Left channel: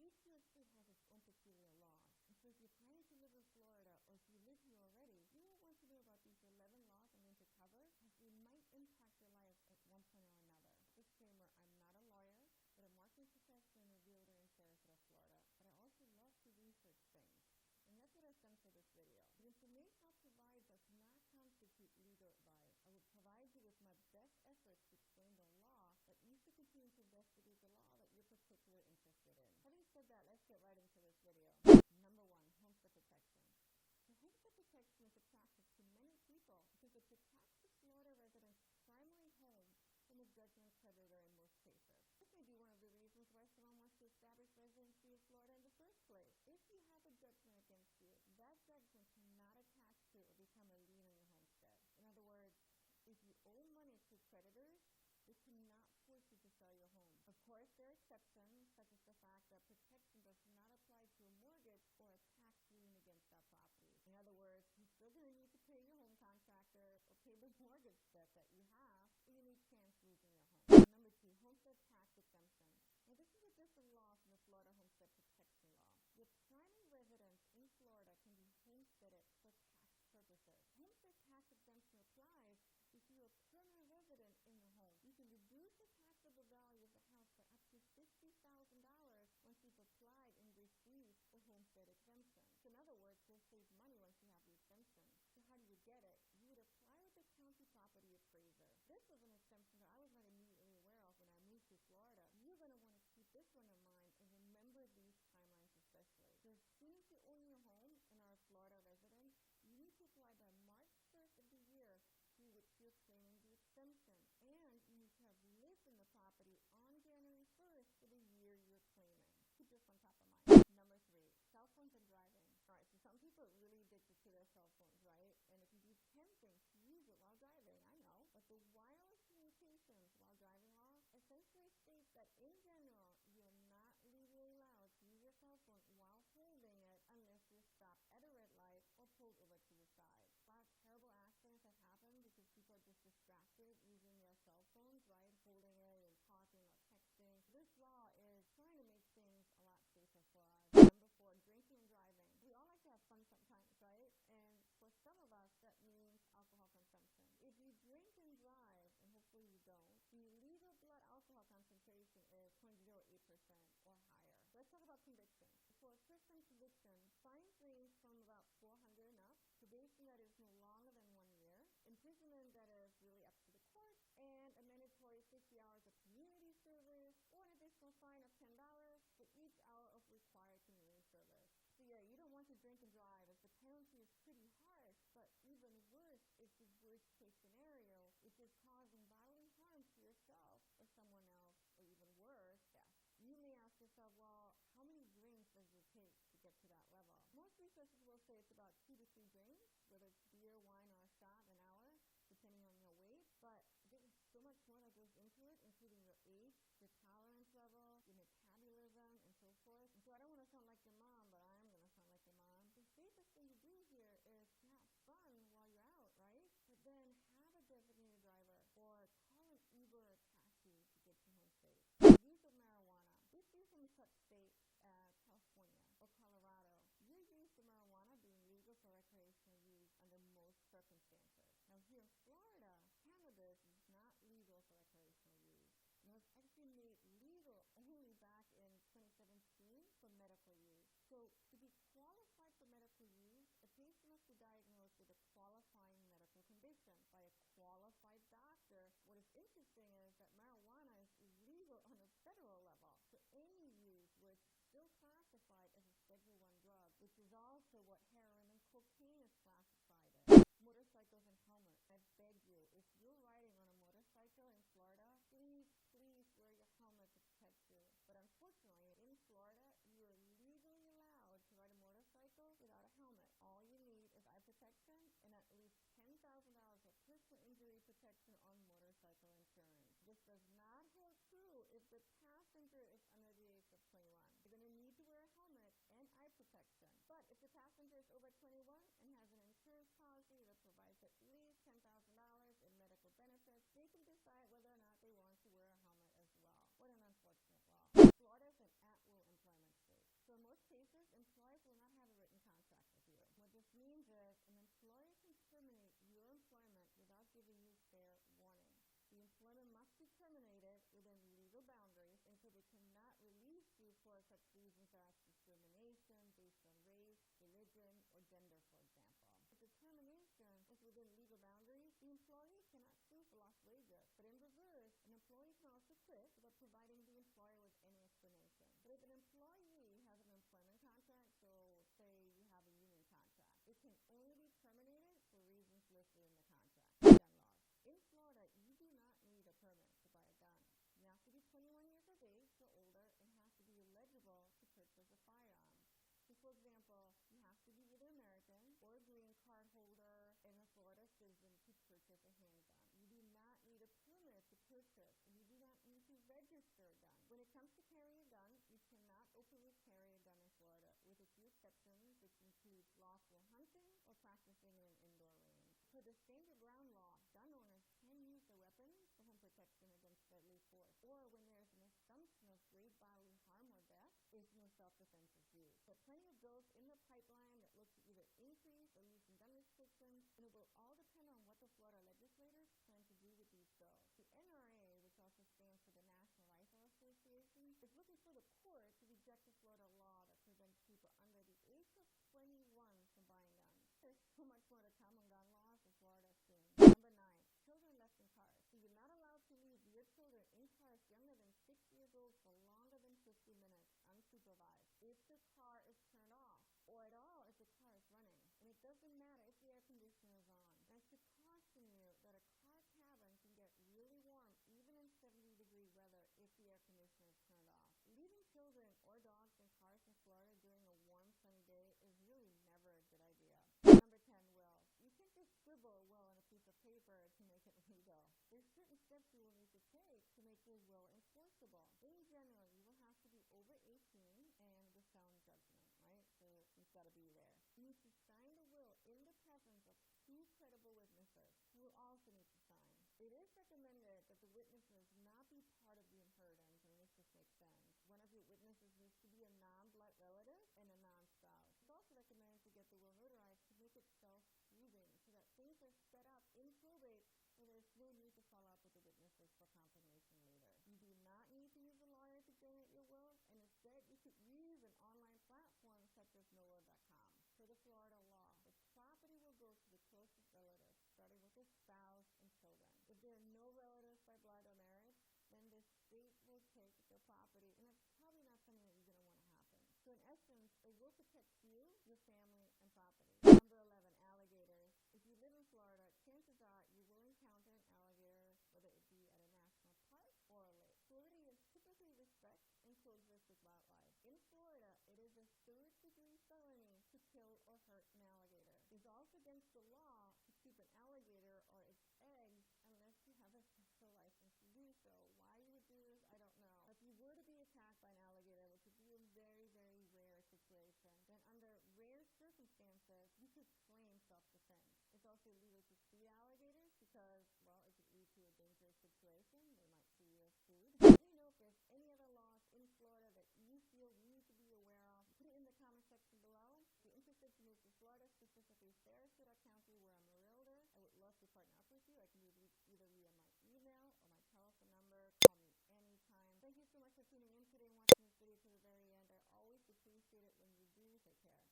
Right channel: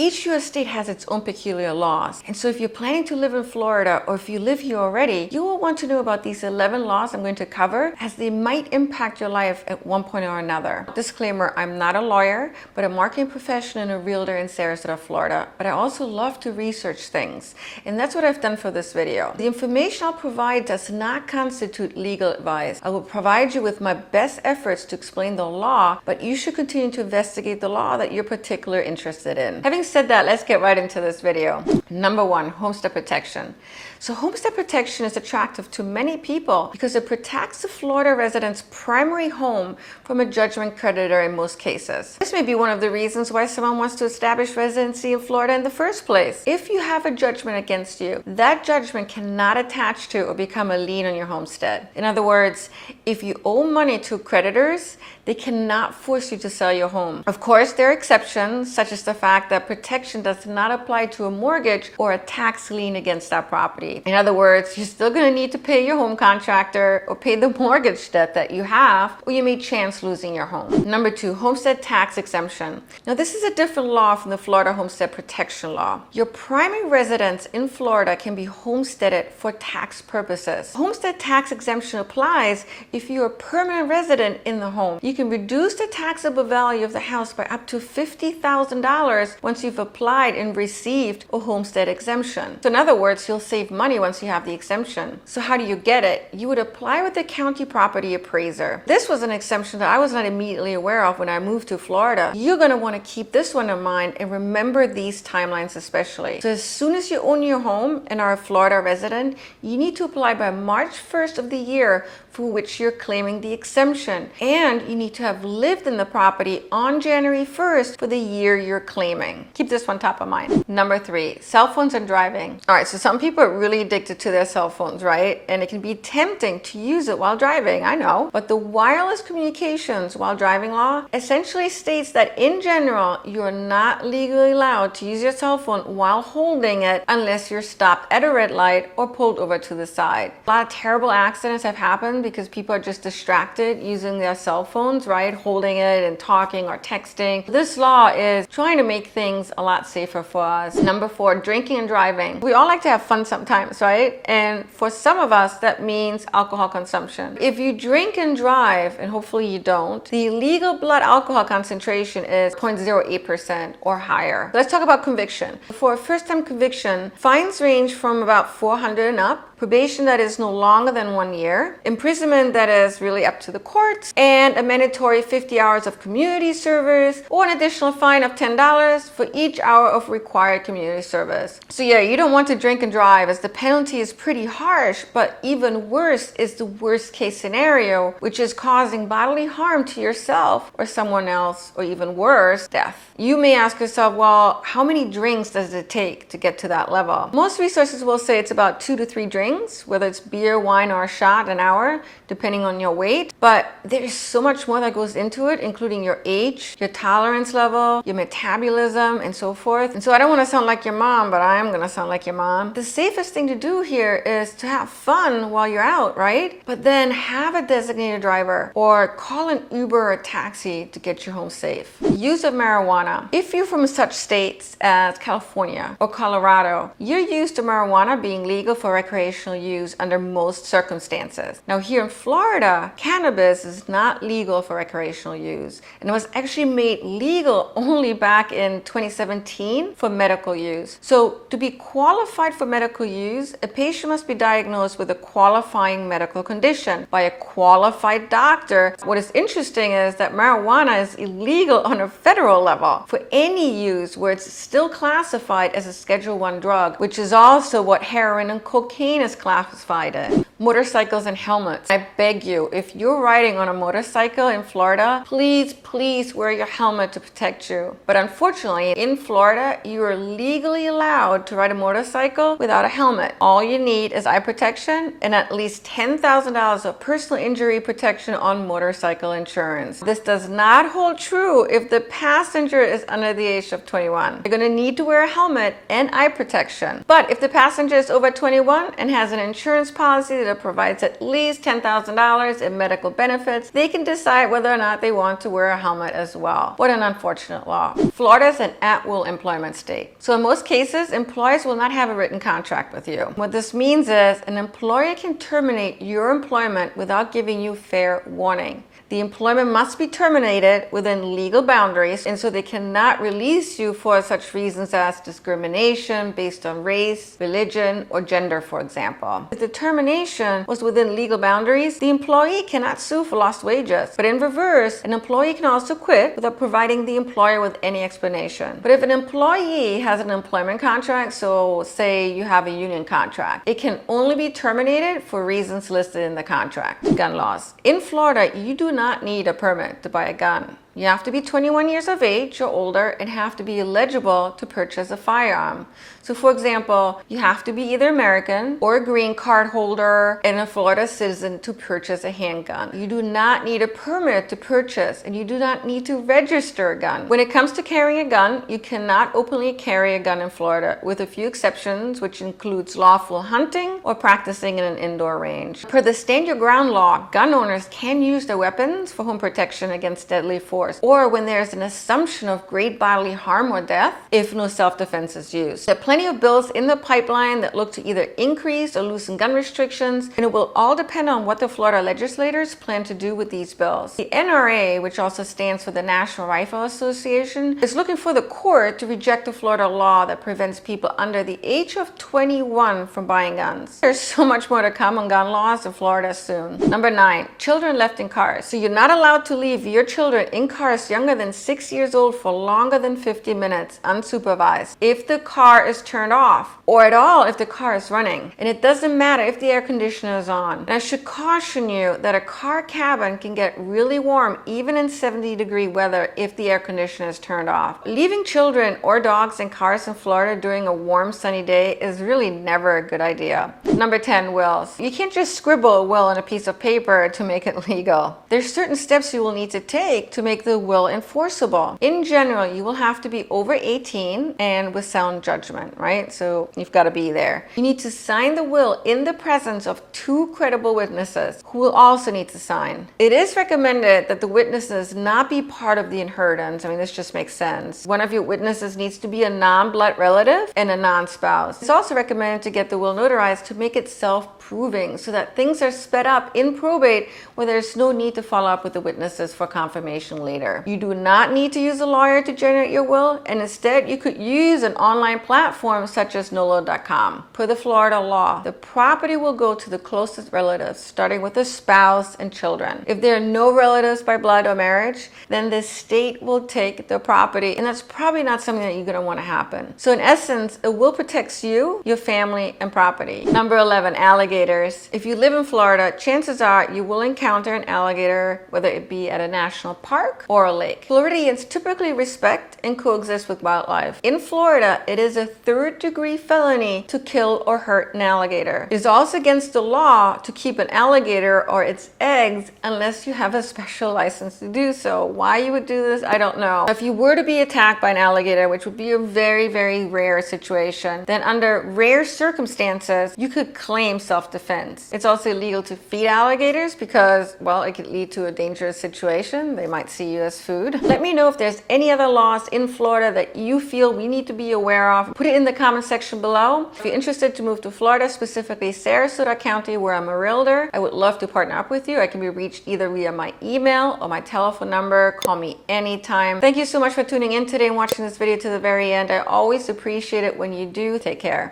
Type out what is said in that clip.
Each US state has its own peculiar laws. And so if you're planning to live in Florida, or if you live here already, you will want to know about these 11 laws I'm going to cover, as they might impact your life at one point or another. Disclaimer, I'm not a lawyer, but a marketing professional and a realtor in Sarasota, Florida. But I also love to research things. And that's what I've done for this video. The information I'll provide does not constitute legal advice. I will provide you with my best efforts to explain the law, but you should continue to investigate the law that you're particularly interested in. Having said that, let's get right into this video. Number one, homestead protection. So homestead protection is attractive to many people because it protects the Florida resident's primary home from a judgment creditor in most cases. This may be one of the reasons why someone wants to establish residency in Florida in the first place. If you have a judgment against you, that judgment cannot attach to or become a lien on your homestead. In other words, if you owe money to creditors, they cannot force you to sell your home. Of course, there are exceptions, such as the fact that protection does not apply to a mortgage or a tax lien against that property. In other words, you're still going to need to pay your home contractor or pay the mortgage debt that you have, or you may chance losing your home. Number two, homestead tax exemption. Now, this is a different law from the Florida Homestead Protection Law. Your primary residence in Florida can be homesteaded for tax purposes. Homestead tax exemption applies if you're a permanent resident in the home. You can reduce the taxable value of the house by up to $50,000 once you've applied and received a homestead exemption. So in other words, you'll save money once you have the exemption. So how do you get it? You would apply with the county property appraiser. This was an exemption that I was not immediately aware of when I moved to Florida. You're going to want to keep this one in mind and remember these timelines especially. So as soon as you own your home and are a Florida resident, you need to apply by March 1st of the year for which you're claiming the exemption. And you need to have lived in the property on January 1st for the year you're claiming. Keep this one top of mind. Number three, cell phones and driving. All right, so some people are really addicted to their cell phones, right? And it can be tempting to use it while driving, I know. But the wireless communications while driving law essentially states that in general, you are not legally allowed to use your cell phone while holding it unless you're stopped at a red light or pulled over to the side. A lot of terrible accidents have happened because people are just distracted using their cell phones, right? Holding it and talking or texting. This law is trying to make things a lot safer for us. Number four, drinking and driving. We all like to have fun sometimes, right? And for some of us, that means alcohol consumption. If you drink and drive, and hopefully you don't, the legal blood alcohol concentration is 0.08% or higher. Let's talk about conviction. For a first-time conviction, fines range from about $400 and up, probation that is no longer than 1 year, imprisonment that is really up to the courts, and a mandatory 50 hours of community service, or an additional fine of $10 for each hour of required community service. So yeah, you don't want to drink and drive, as the penalty is pretty harsh, but even worse is the worst case scenario, which is causing bodily harm to yourself or someone else, or even worse, death. You may ask yourself, well, how many drinks does it take to get to that level? Most resources will say it's about 2 to 3 drinks, whether it's beer, wine, or a shot an hour, depending on your weight. But there's so much more that goes into it, including your age, your tolerance level, your metabolism, and so forth. And so I don't want to sound like your mom, but I am going to sound like your mom. The safest thing to do here is to have fun while you're out, right? But then have a designated driver or call an Uber or a taxi to get you home safe. Use of marijuana. If you're from such states as California or Colorado, you're used to marijuana being legal for recreational use under most circumstances. Now here in Florida, cannabis is not legal for recreational use, and it was actually made legal only back in 2017 for medical use. So to be qualified for medical use, a patient must be diagnosed with a qualifying medical condition by a qualified doctor. What is interesting is that marijuana is illegal on a federal level for any use where it's still classified as a Schedule I drug, which is also what heroin and cocaine is classified in. Motorcycles and helmets. I beg you, if you're riding on a motorcycle in Florida, please wear your helmet to protect you. But unfortunately, in Florida, you are legally allowed to ride a motorcycle without a helmet. All you need is eye protection and at least $10,000 of personal injury protection on motorcycle insurance. This does not hold true if the passenger is under the age of 21. You're going to need to wear a helmet and eye protection. But if the passenger is over 21 and has an insurance policy that that provides at least $10,000 in medical benefits, they can decide whether or not they want to wear a helmet as well. What an unfortunate law. Florida is an at-will employment state. So in most cases, employers will not have a written contract with you. What this means is an employer can terminate your employment without giving you fair warning. The employment must be terminated within legal boundaries, and so they cannot release you for such reasons as discrimination based on race, religion, or gender, for example. If the termination was within legal boundaries, the employee cannot sue for lost wages. But in reverse, an employee can also quit without providing the employer with any explanation. But if an employee has an employment contract, so say you have a union contract, it can only be terminated for reasons listed in the contract. Gun laws. In Florida, you do not need a permit to buy a gun. You have to be 21 years of age or older and have to be eligible to purchase a firearm. So for example, you have to be either American or a green card holder and a Florida citizen to purchase a handgun. You do not need a permit to purchase, and you do not need to register a gun. When it comes to carrying a gun, you cannot openly carry a gun in Florida, with a few exceptions, which includes lawful hunting or practicing in an indoor range. Per the Stand Your Ground law, gun owners can use their weapons for home protection against deadly force, or when there's an assumption of great bodily harm or death if no self-defense is used. There are plenty of bills in the pipeline that look to either increase or loosen gun restrictions, and it will all depend on what the Florida legislators plan to do with these bills. The NRA, which also stands for the National Rifle Association, is looking for the court to reject the Florida law that prevents people under the age of 21 from buying guns. There's so much more to come on gun laws in Florida soon. Number 9, children left in cars. So you're not allowed to leave your children in cars younger than 6 years old for longer than 50 minutes unsupervised if the car is turned off, or at all if the car is running. And it doesn't matter if the air conditioner is on. And I should caution you that a car cabin can get really warm even in 70-degree weather if the air conditioner is turned off. Leaving children or dogs in cars in Florida during a warm sunny day is really never a good idea. Number 10, wills. You can't just scribble a will on a piece of paper to make it legal. There's certain steps you will need to take to make the will enforceable. In general, you will have to be over 18 and with sound judgment, right? So you've got to be there. You need to sign the will in the presence of 2 credible witnesses who will also need to sign. It is recommended that the witnesses not be part of the inheritance. I mean, this just makes sense. One of your witnesses needs to be a non-blood relative and a non-spouse. It's also recommended to get the will notarized to make it self-proving so that things are sped up in probate where there's no need to follow up with the witnesses for confirmation later. You do not need to use a lawyer to generate your will, and instead you could use an online platform such as nolo.com. Per the Florida law, the property will go to the closest relatives, starting with the spouse and children. If there are no relatives by blood or marriage, then the state will take the property, and that's probably not something that you're going to want to happen. So in essence, a will protects you, your family, and property. Number 11, alligators. If you live in Florida, chances are you will encounter an alligator, whether it be at a national park or a lake. Floridians typically respect and coexist with wildlife. In Florida, it is a third-degree felony to kill or hurt an alligator. It is also against the law to keep an alligator or its eggs unless you have a special license to do so. Why you would do this, I don't know. If you were to be attacked by an alligator, which would be a very, very rare situation, then under rare circumstances, you could claim self-defense. It's also illegal to feed alligators because, well, it could lead to a dangerous situation. They might see you as food. Let me know if there's any other laws in Florida that you feel we need to be aware of. Put it in the comment section below. If you're interested to move to Florida, specifically Sarasota County, where I'm a realtor, I would love to partner up with you. I can be reached either via my email or my telephone number. Call me anytime. Thank you so much for tuning in today and watching this video to the very end. I always appreciate it when you do. Take care.